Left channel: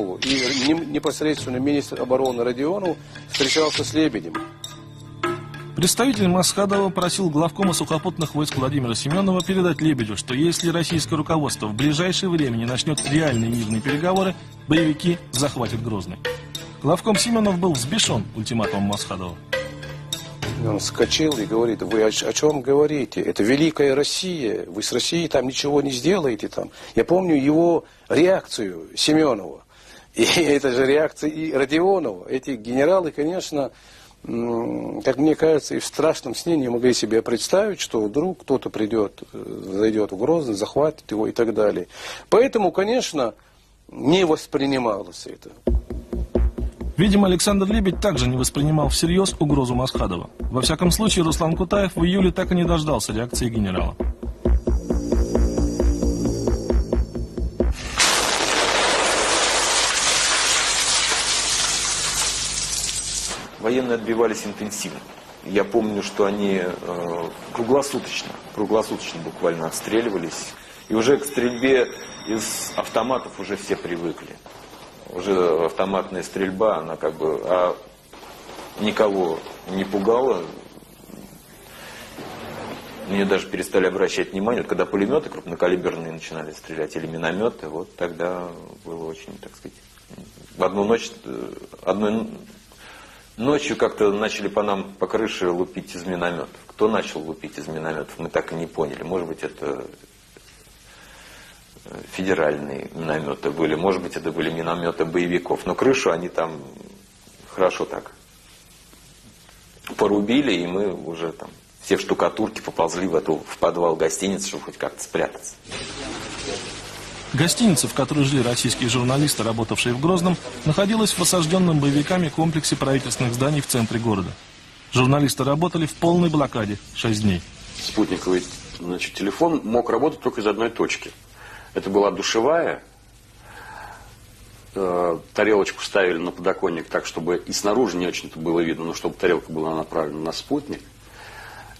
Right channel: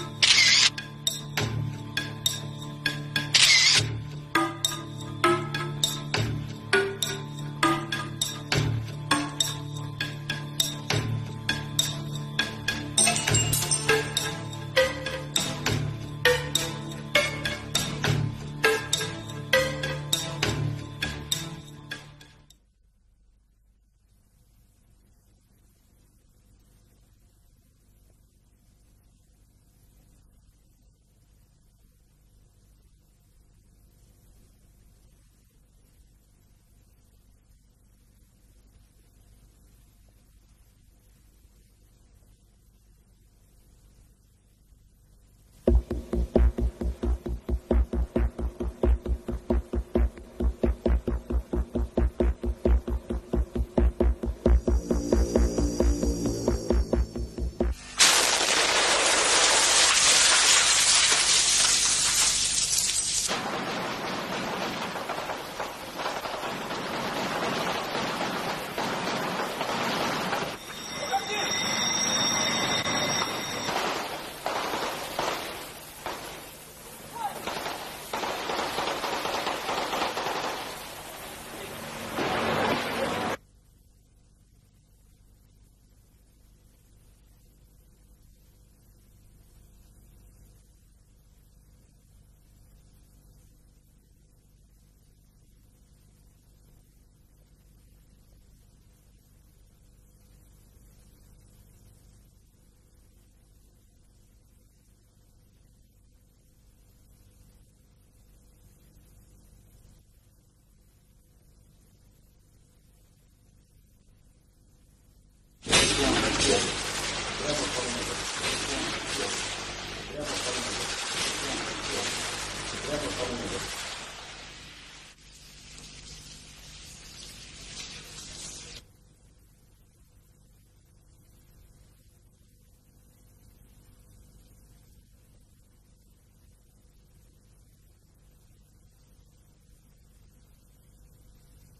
Семенову, и непосредственно министр обороны Родионов встречался с Лебедем. Представитель Масхадова просил главкома сухопутных войск Владимира Семенова передать Лебедю, что если российское руководство в ближайшее время не начнет реальные мирные переговоры, боевики захватят Грозный. Главком Семенов был взбешен ультиматумом Масхадова. Он вскочил и говорит: вы о чем говорите? Это великая Россия, вы с Россией там ничего не сделаете. Там. Я помню его реакцию Семенова, и это же реакция и Родионова. Эти генералы, конечно, как мне кажется, и в страшном сне не могли себе представить, что вдруг кто-то придет, зайдет в Грозный, захватит его и так далее. Поэтому, конечно, не воспринималось это. Видимо, Александр Лебедь также не воспринимал всерьез угрозу Масхадова. Во всяком случае, Руслан Кутаев в июле так и не дождался реакции генерала. Военные отбивались интенсивно. Я помню, что они круглосуточно буквально отстреливались. И уже к стрельбе из автоматов уже все привыкли. Уже автоматная стрельба, она как бы никого не пугала. Мне даже перестали обращать внимание. Вот когда пулеметы крупнокалиберные начинали стрелять, или минометы, вот тогда было очень, так сказать, в одной ночью как-то начали по нам по крыше лупить из минометов. Кто начал лупить из минометов, мы так и не поняли. Может быть, это федеральные минометы были, может быть, это были минометы боевиков. Но крышу они там хорошо так порубили, и мы уже там все в штукатурке поползли в подвал гостиницы, чтобы хоть как-то спрятаться. Гостиница, в которой жили российские журналисты, работавшие в Грозном, находилась в осажденном боевиками комплексе правительственных зданий в центре города. Журналисты работали в полной блокаде 6 дней. Спутниковый, телефон мог работать только из одной точки. Это была душевая. Тарелочку ставили на подоконник так, чтобы и снаружи не очень-то было видно, но чтобы тарелка была направлена на спутник.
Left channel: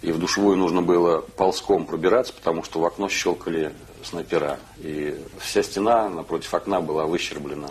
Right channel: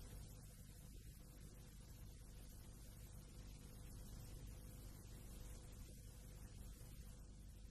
И в душевую нужно было ползком пробираться, потому что в окно щелкали снайпера. И вся стена напротив окна была выщерблена.